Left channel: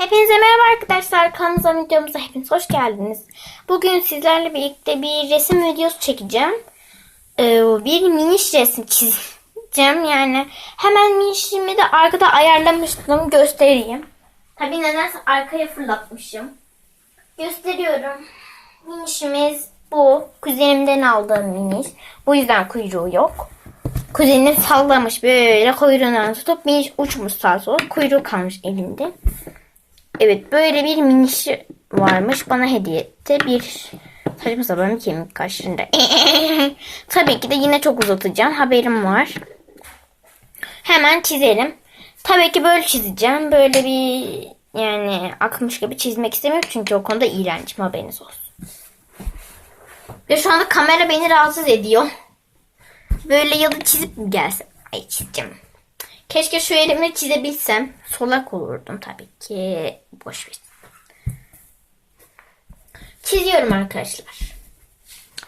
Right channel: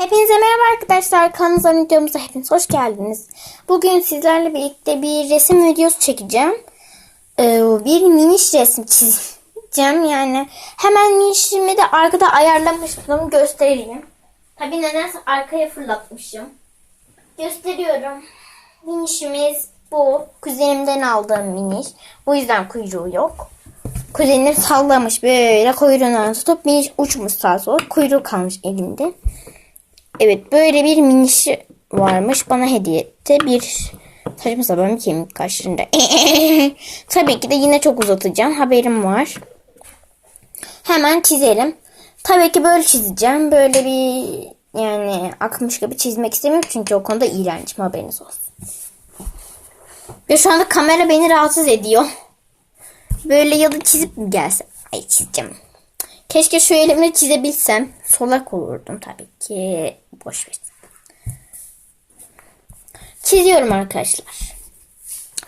Hepinize merhaba arkadaşlar. Kanalımıza videomuza hepiniz hoş geldiniz. Bugün sizlerle birlikte bir resim videosu çekeceğim. Ee, bir miniş resim çizeceğim. Yani hemen minişimi de arkada ayarlamıştım. Göstereyim. Tabi nedense arkaya fırlatmışım. Gösteriyorum. Minişimiz bu. Kuzenimden aldığım miniş. Bu yüzden kuyruğu yok. Kuzenim sallamış böyle kuyruğundan tutup miniş uçmuş sağa sola. Kuyruğu kalmış elinde. Evet böyle bir minişi varmış. Bana hediye etti. Bir saçma sapan kemik kaşlarında. Tabii ki de yine çok uzatacağım. Haberim var. Hemen çizelim. Tabii ki böyle çizeceğim. Böyle bir yani akmış gibi çizmek istemiyorum. Çünkü o konuda iğrencim haberiniz olsun. Ve şu anda kamera beni rahatsız ediyor. Böyle yalı çizip mi gelsem? Ay çizeceğim. Keşke şu elimle çizebilsem. Solak olurdum tabii ki. Boş ver. Çiziyorum arkadaşlar.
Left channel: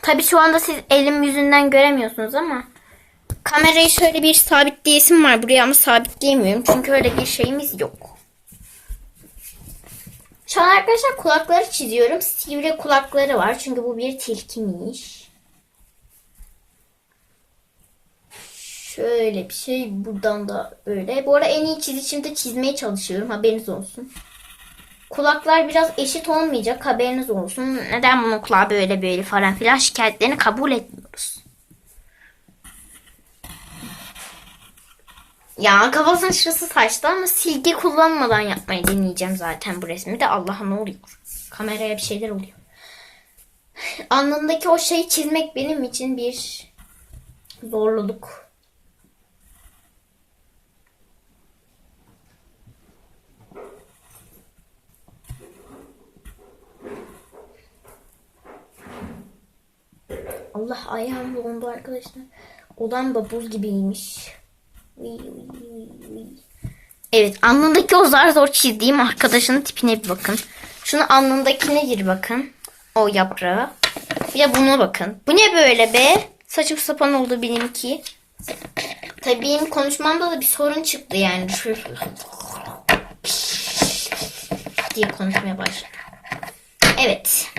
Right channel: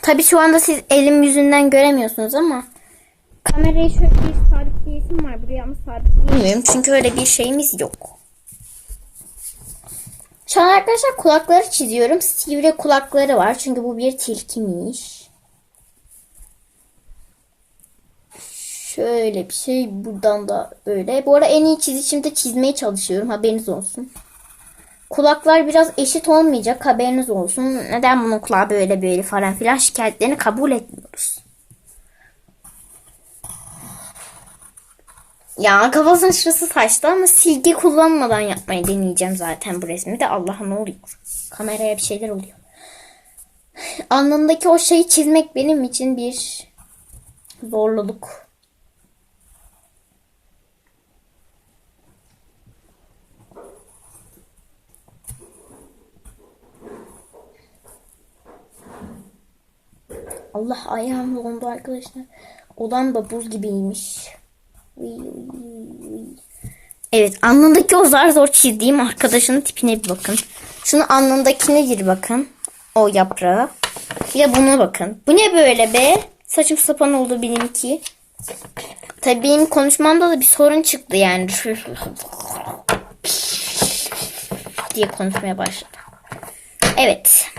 Tabii şu anda siz elim yüzünden göremiyorsunuz ama kamerayı şöyle bir sabitleyesim var buraya ama sabitleyemiyorum. Çünkü öyle bir şeyimiz yok. Şu an arkadaşlar kulakları çiziyorum. Sivri kulakları var. Çünkü bu bir tilkiymiş. Şöyle bir şey buradan da öyle. Bu arada en iyi çizişimde çizmeye çalışıyorum. Haberiniz olsun. Kulaklar biraz eşit olmayacak. Haberiniz olsun. Neden bunun kulağı böyle böyle falan filan şikayetlerini kabul etmiyoruz. Ya kafasının şurası saçtı ama silgi kullanmadan yapmayı deneyeceğim zaten bu resmi de. Allah'a ne oluyor? Kameraya bir şeyler oluyor. Alnımdaki o şeyi çizmek benim için bir zorluluk. Allah ayağım dondu arkadaşlar. Odam da buz gibiymiş. Evet alnındaki o zar zor çizdiğim arkadaşının tipine bir bakın. Şunu alnındakine bir bakın. O yaprağı. Bir de buna bakın. Bu ne böyle be? Saçım sapan oldu benimki. Tabii benim konuşmamda da bir sorun çıktı yani. diye konuşmaya başladım. Evet.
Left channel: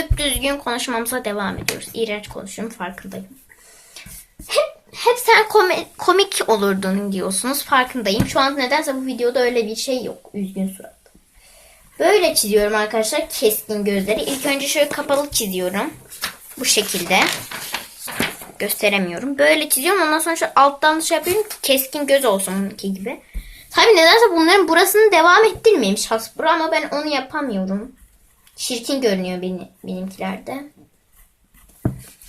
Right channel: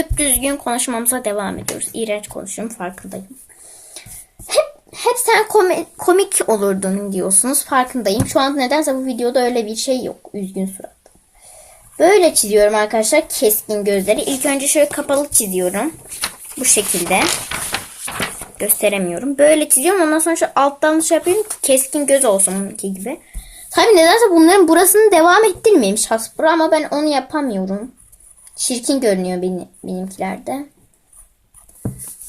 Düp düzgün konuşmamıza devam ediyoruz. İğrenç konuşuyorum farkındayım. Hep, hep sen komi- komik olurdun diyorsunuz farkındayım. Şu an nedense bu videoda öyle bir şey yok. Üzgün surat. Böyle çiziyorum arkadaşlar keskin gözleri. İlk önce şöyle kapalı çiziyorum. Bu şekilde. Gösteremiyorum. Böyle çiziyorum. Ondan sonra şu alttan şey yapıyorum. ki Keskin göz olsun onunki gibi. Tabii nedense bunların burasını devam ettirmemiş Hasbro ama ben onu yapamıyorum. Çirkin görünüyor benim, benimkilerde.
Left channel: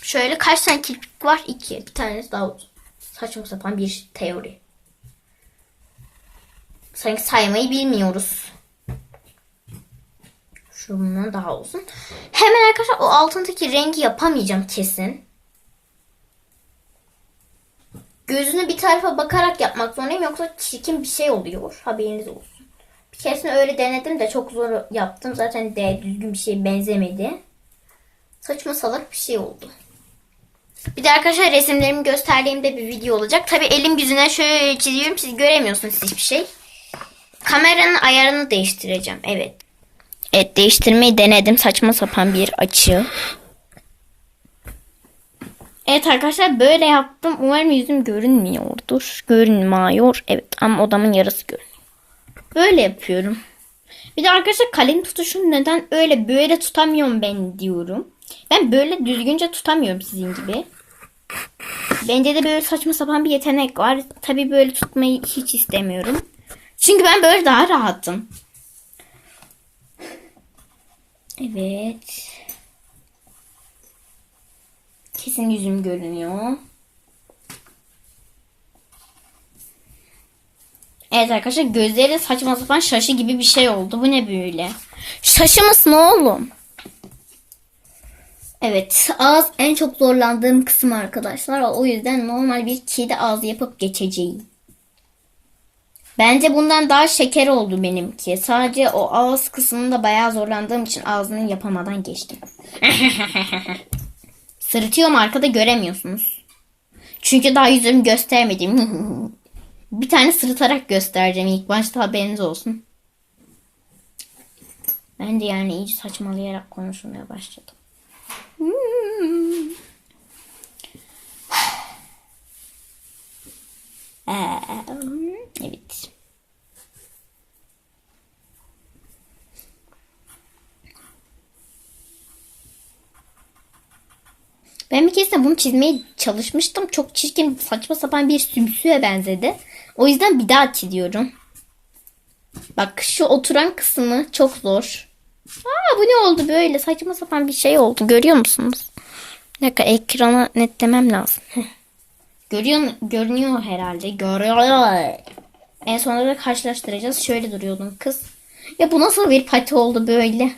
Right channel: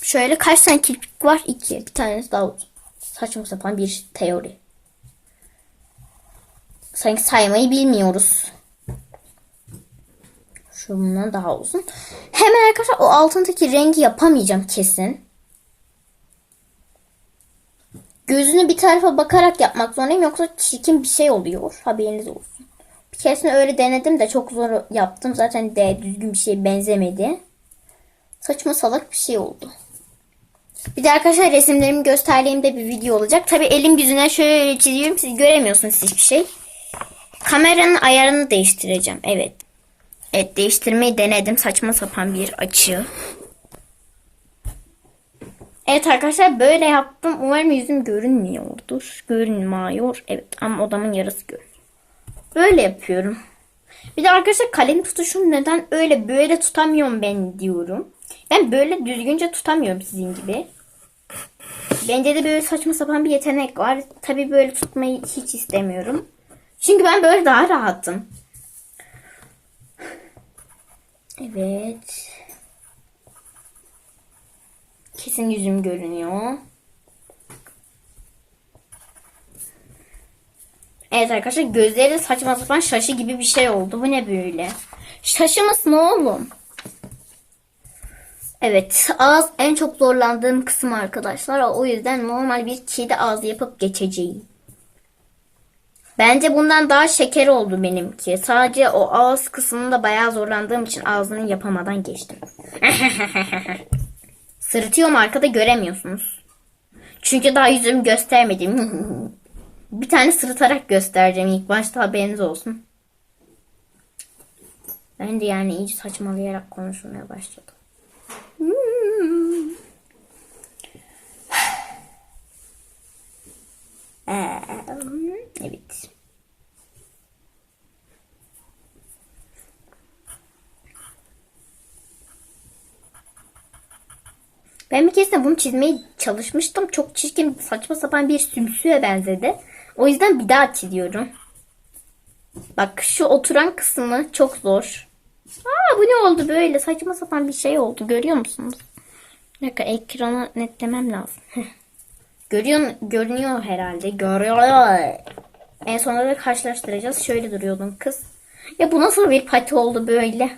Şöyle kaç tane kirpik var? İki. Bir tanesi daha. Saçma sapan bir teori. Sanki saymayı bilmiyoruz. Şundan daha uzun. Hemen arkadaşlar o altındaki rengi yapamayacağım kesin. Gözünü bir tarafa bakarak yapmak zorundayım yoksa çirkin bir şey oluyor. Haberiniz olsun. Keresinde öyle denedim de çok zor yaptım. Zaten de düzgün bir şeye benzemedi. Saçma salak bir şey oldu. Bir de arkadaşlar resimlerimi gösterdiğimde bir video olacak. Tabi elim yüzüne şöyle çiziyorum. Siz göremiyorsunuz hiçbir şey. Kameranın ayarını değiştireceğim. Evet. Evet değiştirmeyi denedim. Saçma sapan bir açı. Evet arkadaşlar böyle yaptım. Umarım yüzüm görünmüyordur. Görünmüyor. Evet ama odamın yarısı görünüyor. Böyle yapıyorum. Bir de arkadaşlar kalem tutuşum neden öyle böyle tutamıyorum ben diyorum. Ben böyle düzgünce tutamıyorum sizin gibi. Bence de böyle saçma sapan bir yetenek var. Tabii böyle tutmayı hiç istemiyorum. Çünkü ben böyle daha rahatım. Evet. Kesin yüzüm görünüyor. Evet arkadaşlar gözleri de saçma sapan şaşı gibi bir şey oldu. Bu ne böyle? Şaşı mısın oğlum? Evet ağız en çok zorlandığım kısım arkadaşlar. O yüzden normal bir kedi ağzı yapıp geçeceğim. Bence bundan daha şeker oldu benimki. Sadece o ağız kısmında bayağı zorlandığım için ağzını yapamadan geçtim. Sırıtıyorum arkada göremiyorsunuz. Çünkü daha yüzümü göstermedim. Bir tane sırıtarak göstereceğim ilk başta haberiniz olsun. Ben de yani iyice saçmalayarak konuşmaya başladım. Hmm. Ee, evet. Ben bir kez de bunu çizmeye çalışmıştım. Çok çirkin, saçma sapan bir sümsüye benzedi. O yüzden bir daha çiziyorum. Bak şu oturan kısmı çok zor. Aa bu ne oldu böyle? Saçma sapan bir şey oldu. Görüyor musunuz? Bir dakika ekranı netlemem lazım. Görüyor, görünüyor herhalde. Görüyor. En sonunda da karşılaştıracağız. Şöyle duruyordun kız. Ya bu nasıl bir pati oldu böyle?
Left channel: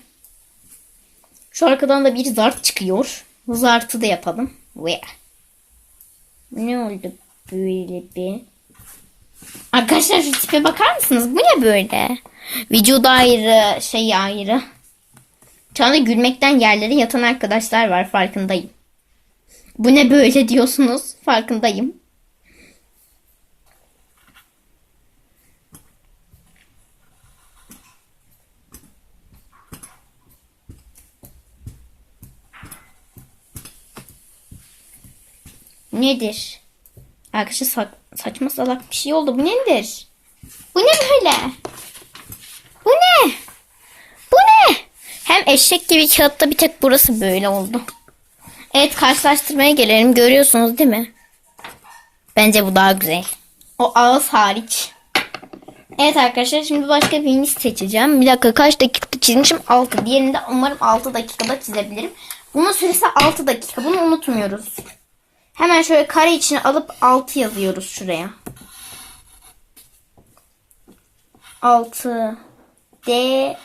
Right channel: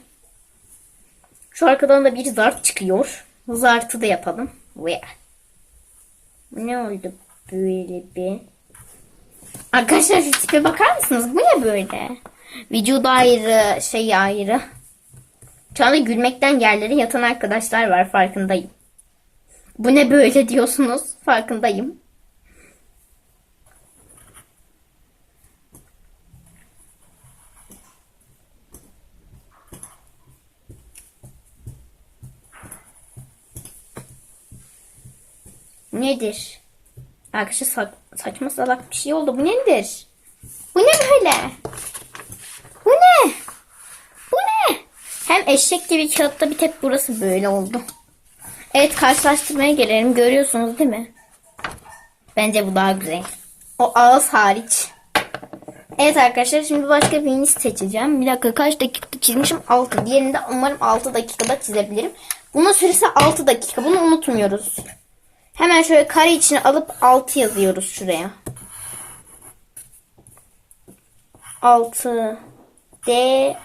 Şu arkadan da bir zart çıkıyor. Bu zartı da yapalım. Ne oldu böyle bir? Arkadaşlar şu tipe bakar mısınız? Bu ne böyle? Vücudu ayrı, şey ayrı. Şu gülmekten yerlere yatan arkadaşlar var farkındayım. Bu ne böyle diyorsunuz? Farkındayım. Nedir? Arkadaşlar sa- saçma salak bir şey oldu. Bu nedir? Bu ne böyle? Bu ne? Bu ne? Hem eşek gibi kağıtta bir tek burası böyle oldu. Evet karşılaştırmaya gelelim. Görüyorsunuz değil mi? Bence bu daha güzel. O ağız hariç. Evet arkadaşlar şimdi başka birini seçeceğim. Bir dakika kaç dakika çizmişim? 6. Diğerini de umarım 6 dakikada çizebilirim. Bunun süresi 6 dakika. Bunu unutmuyoruz. Hemen şöyle kare içine alıp 6 yazıyoruz şuraya. 6 D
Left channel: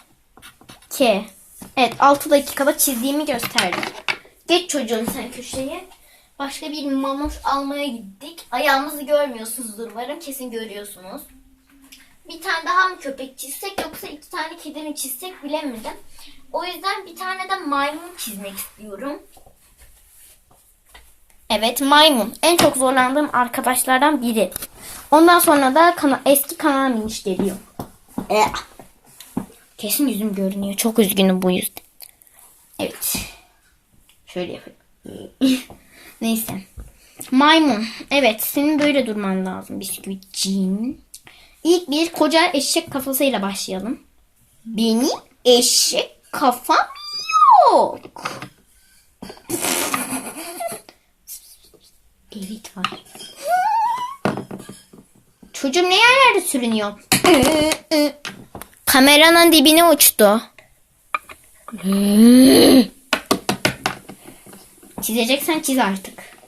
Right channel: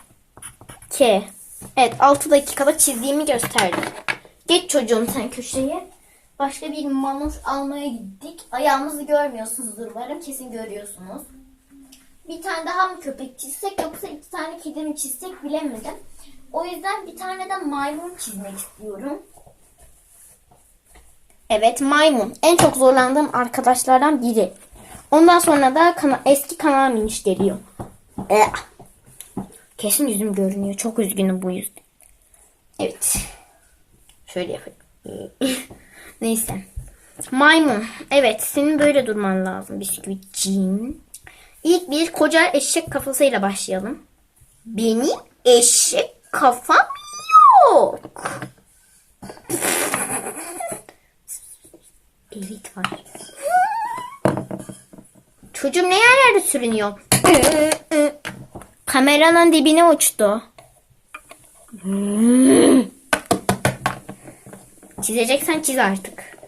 K Evet 6 dakikada çizdiğimi gösterdim. Geç çocuğum sen köşeye. Başka bir mamur almaya gittik. Ayağımızı görmüyorsunuzdur umarım. Kesin görüyorsunuz. Bir tane daha mı köpek çizsek yoksa iki tane kedi mi çizsek bilemedim. O yüzden bir tane de maymun çizmek istiyorum. Evet maymun. En çok zorlandığım arkadaşlardan biri. Ondan sonra da kana- eski kanal miniş geliyor. Eh. Kesin yüzüm görünüyor. Çok üzgünüm bu yüzden. Evet. Şöyle yapayım. Neyse. Maymun. Evet senin böyle durman lazım bisküvitciğim. İlk bir koca eşek kafasıyla başlayalım. Benim eşek kafam yok. Evet var. Çocuğum ne yerlerde sürünüyor? Kameranın dibine uçtu. Çizeceksen çiz artık.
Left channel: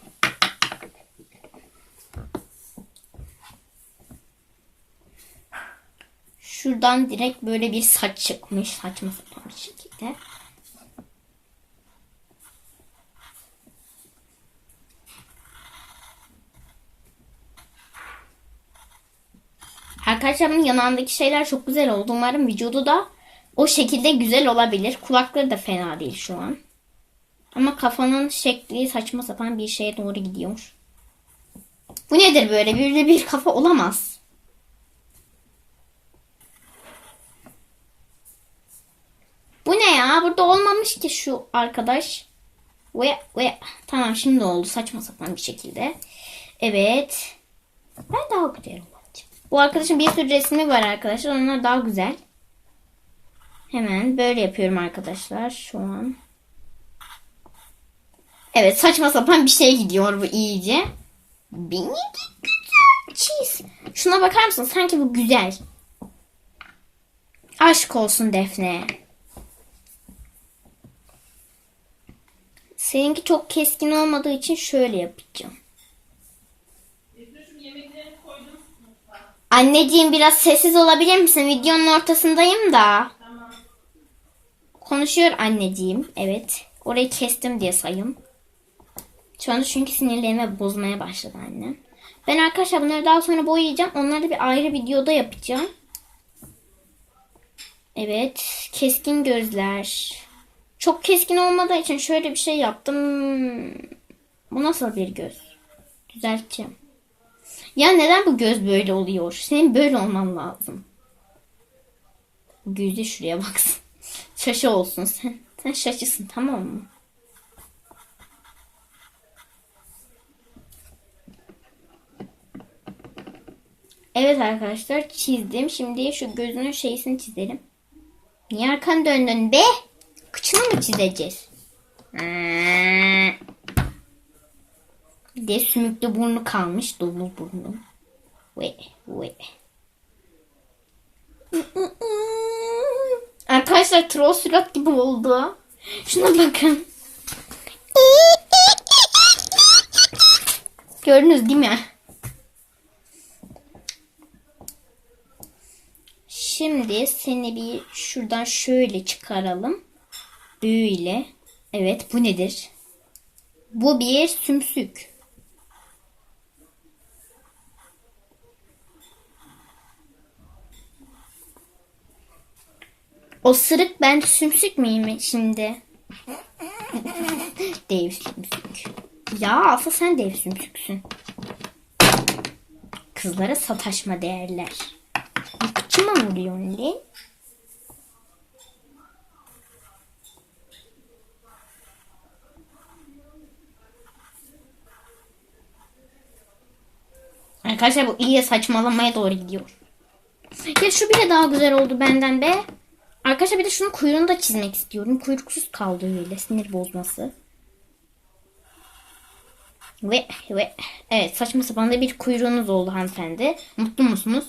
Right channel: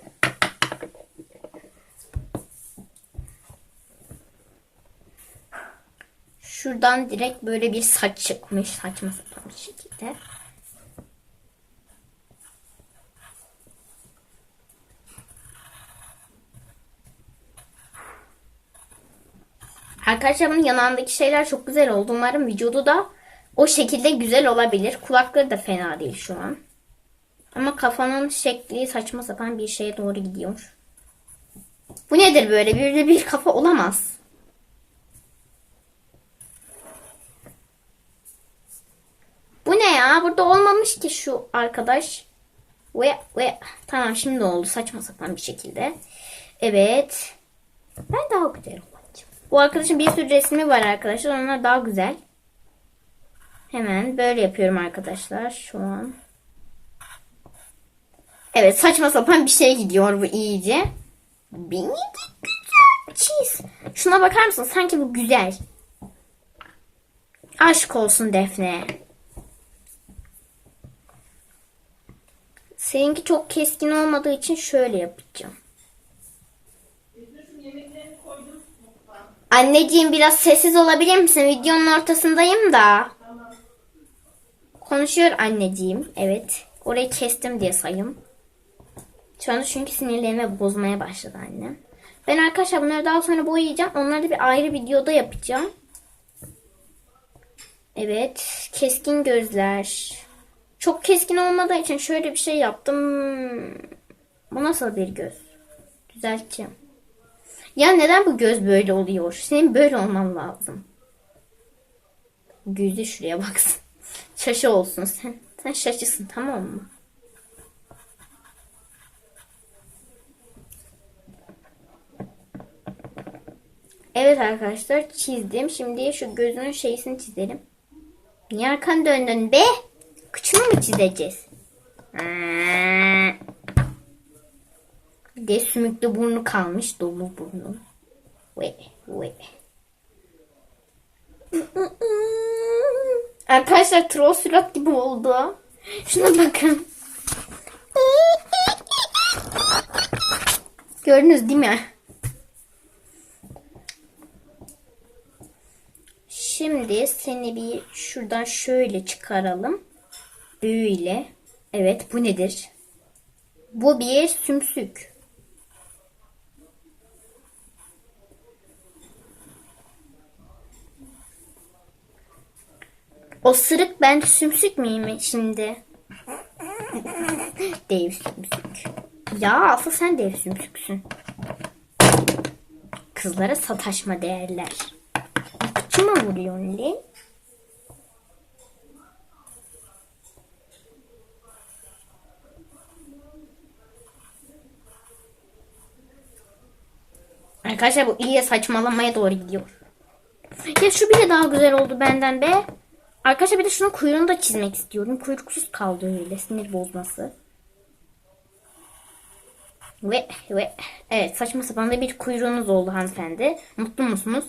Şuradan direkt böyle bir saç çıkmış. Saçma sapan bir şekilde. Bunun yanağındaki şeyler çok güzel oldu. Umarım vücudu da o şekilde güzel olabilir. Kulakları da fena değil şu an. Ama kafanın şekli saçma sapan bir şeye doğru gidiyor. Bu nedir böyle? De bir kafa olamaz. Bu ne ya? Burada olmamış ki şu arkadaş. Ve ve tamam şimdi oldu saçma sapan bir şekilde. Evet. Ben daha güzel. Bu arkadaşın bir sürü resmi var arkadaşlar. Onlar daha güzel. Hemen böyle yapıyorum arkadaşlar şu an. Evet saçma sapan bir şey gidiyor bu iyice. Beni güzel çiz. Şuna bakar mısın? Sanki bu güzel. Aşk olsun Defne. Seninki çok keskin olmadığı için şöyle yapacağım. Anneciğim biraz sessiz olabilir misin? Videonun ortasındayım da. Konuşuyor anneciğim. Evet. Orayı kestim diye sayım. Şu anda çünkü sinirlerimi bozmaya başladı annem. Ben arkadaşlar bunları daha sonra boyayacağım. Onları da bir ayrı videoda yapacağım. Evet. Keskin gözler. Çok keskin olmadığı için şöyle bir şey yaptım. Bu nasıl bir göz? Düzelteceğim. Ya neden bu göz böyle oluyor? Senin böyle olman lazım. Gözü şuraya baksın. Şaşı olsun sen. Sen şaşısın tamam mı? Evet arkadaşlar çizdim. Şimdi şu gözünün şeysini çizelim. Niye arkanı döndün be? Kıçını mı çizeceğiz? De sümüklü burnu kalmış. Dolu burnu. Ve ve. Arkadaşlar troll surat gibi oldu. Şuna bakın. Gördünüz değil mi? Şimdi seni bir şuradan şöyle çıkaralım. Böyle. Evet bu nedir? Bu bir sümsük. O sırık ben sümsük müyüm şimdi? dev sümsük. Ya asıl sen dev sümsüksün. Kızlara sataşma değerler. Kıçıma vuruyorsun lan. Arkadaşlar bu iyice saçmalamaya doğru gidiyor. Ya şu bile daha güzel oldu benden be. Arkadaşlar bir de şunun kuyruğunu da çizmek istiyorum. Kuyruksuz kaldı öyle sinir bozması. Ve ve evet saçma sapan da bir kuyruğunuz oldu hanımefendi. Mutlu musunuz?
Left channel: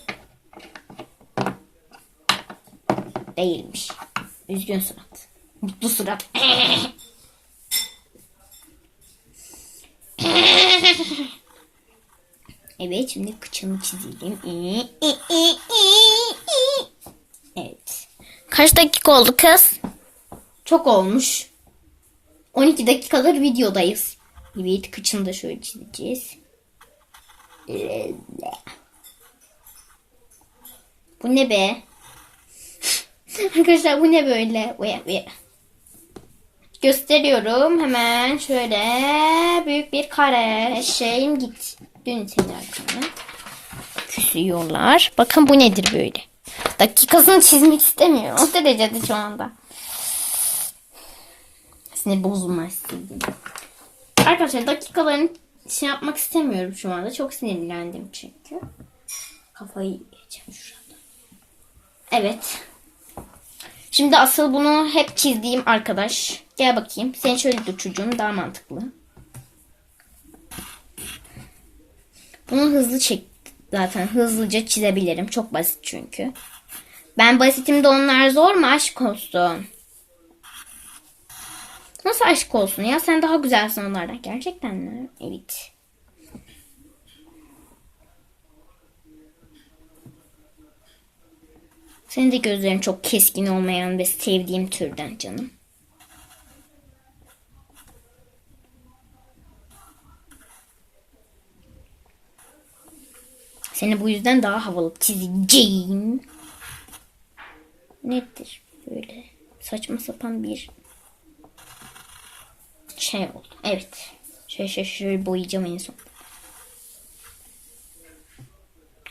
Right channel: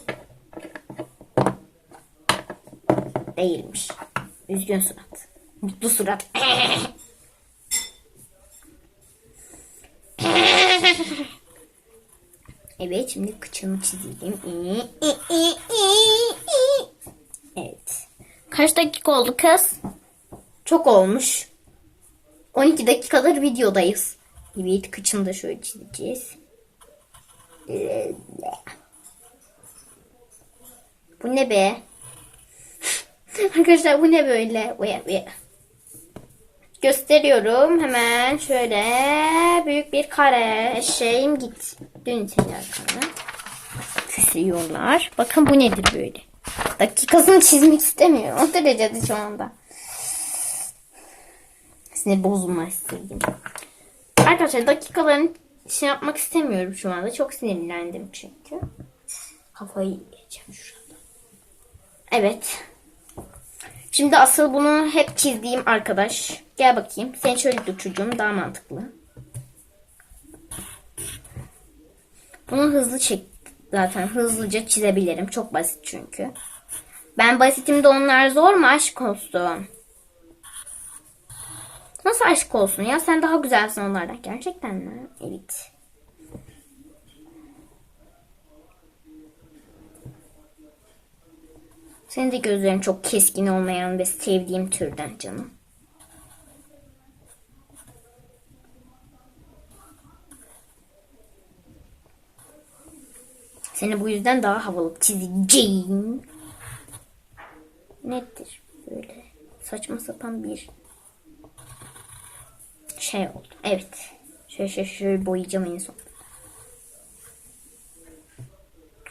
Değilmiş. Üzgün surat. Mutlu surat. Evet şimdi kıçımı çizelim. Kaç dakika oldu kız? Çok olmuş. 12 dakikadır videodayız. Evet kıçını da şöyle çizeceğiz. Bu ne be? Arkadaşlar bu ne böyle? Gösteriyorum hemen şöyle büyük bir kare şeyim git. Dön seni arkana. Küsüyorlar. Bakın bu nedir böyle? Dakikasını çizmek istemiyorum. O derecede şu anda. Sinir bozulma istedim. Arkadaşlar dakikalarını şey yapmak istemiyorum şu anda. Çok sinirlendim çünkü. Kafayı yiyeceğim şurada. Evet. Şimdi asıl bunu hep çizdiğim arkadaş. Gel bakayım. Sen şöyle dur çocuğum daha mantıklı. Bunu hızlı çek zaten hızlıca çizebilirim. Çok basit çünkü. Ben basitim de onlar zor mu aşk olsun. Nasıl aşk olsun ya? Sen daha güzelsin onlardan. Gerçekten mi? Evet. Senin de gözlerin çok keskin olmayan ve sevdiğim türden canım. Seni bu yüzden daha havalı çizeceğim. Nedir böyle saçma sapan bir şey oldu. Evet. Şöyle şöyle, şöyle boyayacağım en son.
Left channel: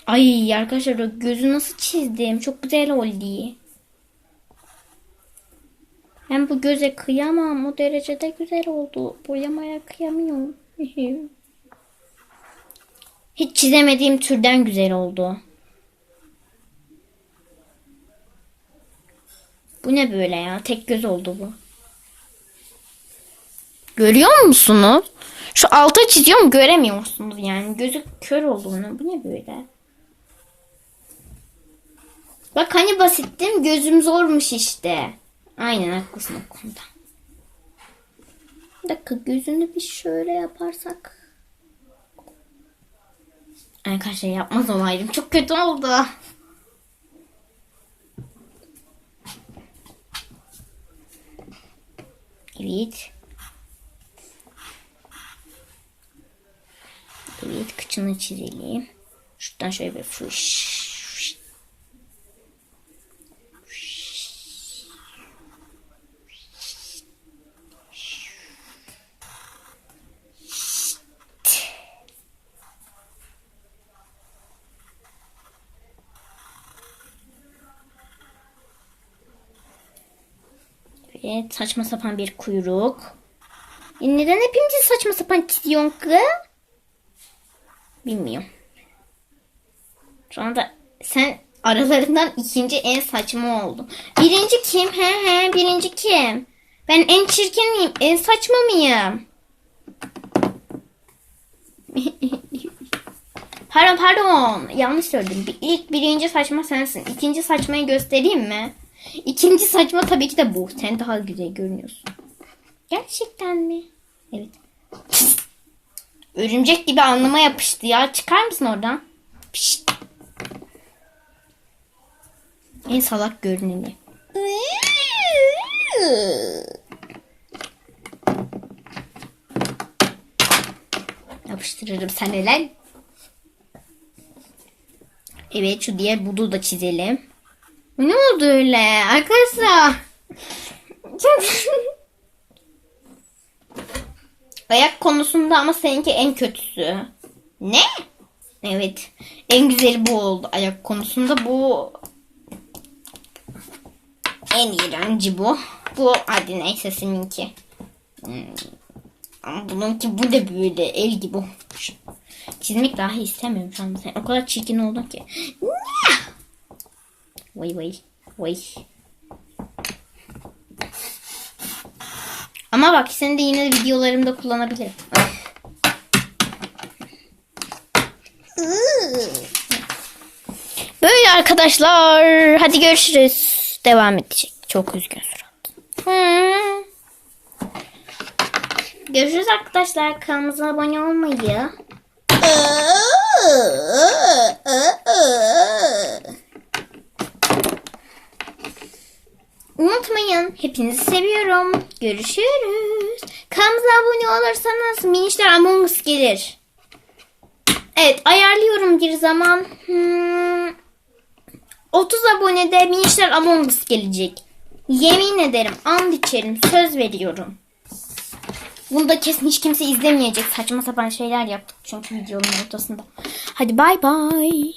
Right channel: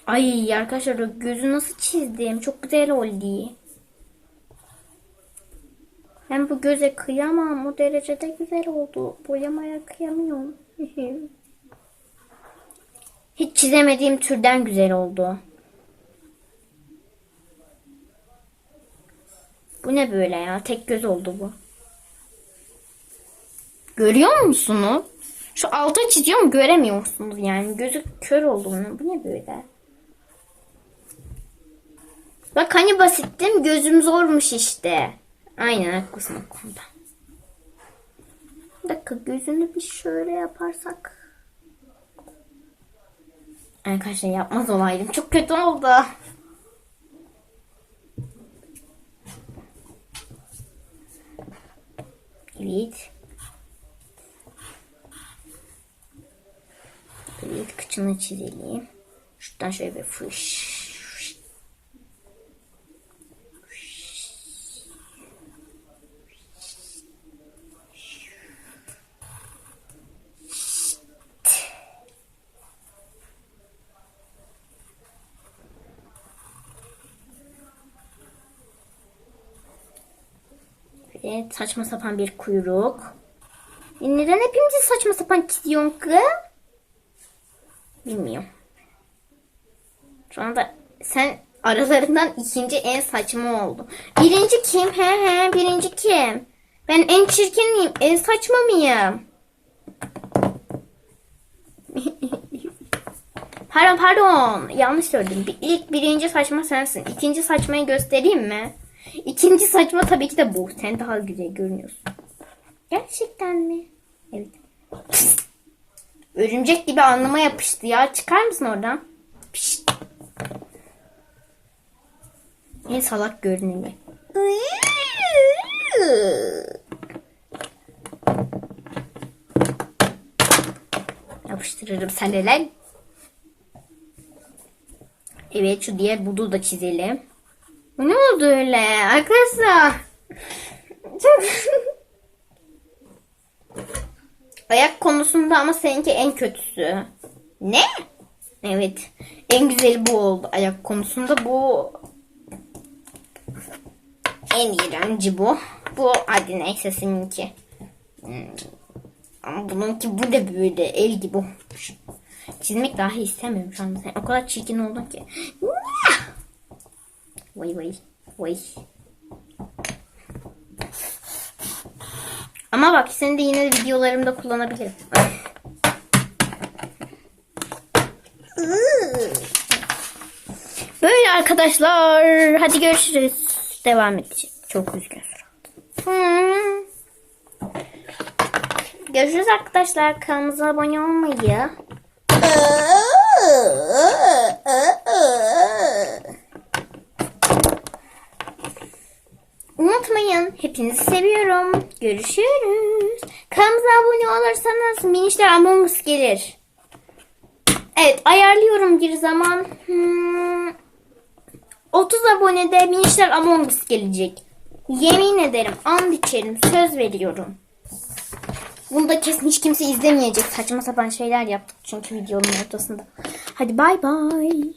Ay arkadaşlar gözü nasıl çizdim. Çok güzel oldu. Ben bu göze kıyamam. O derecede güzel oldu. Boyamaya kıyamıyorum. Hiç çizemediğim türden güzel oldu. Bu ne böyle ya? Tek göz oldu bu. Görüyor musunuz? Şu alta çiziyorum göremiyor musunuz yani? Gözü kör oldu bunun. Bu ne böyle? Bak hani basittim gözüm zormuş işte. Aynen haklısın o konuda. Bir dakika gözünü bir şöyle yaparsak. Arkadaşlar yapmaz olaydım. Çok kötü oldu. Evet. Evet kıçını çizelim. Şuradan şöyle bir fış. Evet saçma sapan bir kuyruk. E neden hepimizi saçma sapan çiziyorsun kız? Bilmiyorum. Şu anda sen aralarından ikinci en saçma oldu. Birinci kim? He he birinci kim? Ben en çirkin miyim? En saçma mıyım? pardon pardon. Yanlış söyledim. İlk birinci saçma sensin. İkinci saçmayı göstereyim mi? İkinci saçma tabii ki de bu. Sen daha güzel görünüyorsun. Gerçekten mi? Evet. Örümcek gibi alnıma yapıştı ya. Çıkar mısın oradan? Pişt. En salak görünümü. Yapıştırırım sen lan. Evet şu diğer budu da çizelim. Ne oldu öyle arkadaşlar? Ayak konusunda ama seninki en kötüsü. Ne? Evet. En güzeli bu oldu. Ayak konusunda bu en iğrenci bu. Bu hadi neyse seninki. Hmm. Bununki bu da böyle el gibi olmuş. Çizmek dahi istemiyorum şu anda. O kadar çirkin oldun ki. Vay vay. Vay. Ama bak seni de yine videolarımda kullanabilirim. Böyle arkadaşlar. Hadi görüşürüz. Devam edecek. Çok üzgün surat. Hmm. Görüşürüz arkadaşlar. Kanalımıza abone olmayı. Görüşürüz. Kanalımıza abone olursanız minişler Among Us gelir. Evet ayarlıyorum bir zaman. Hmm, 30 abonede minişler Among Us gelecek. Yemin ederim, and içerim, söz veriyorum. Bunu da kesin hiç kimse izlemeyecek. Saçma sapan şeyler yaptık çünkü videonun ortasında. Hadi bay bay.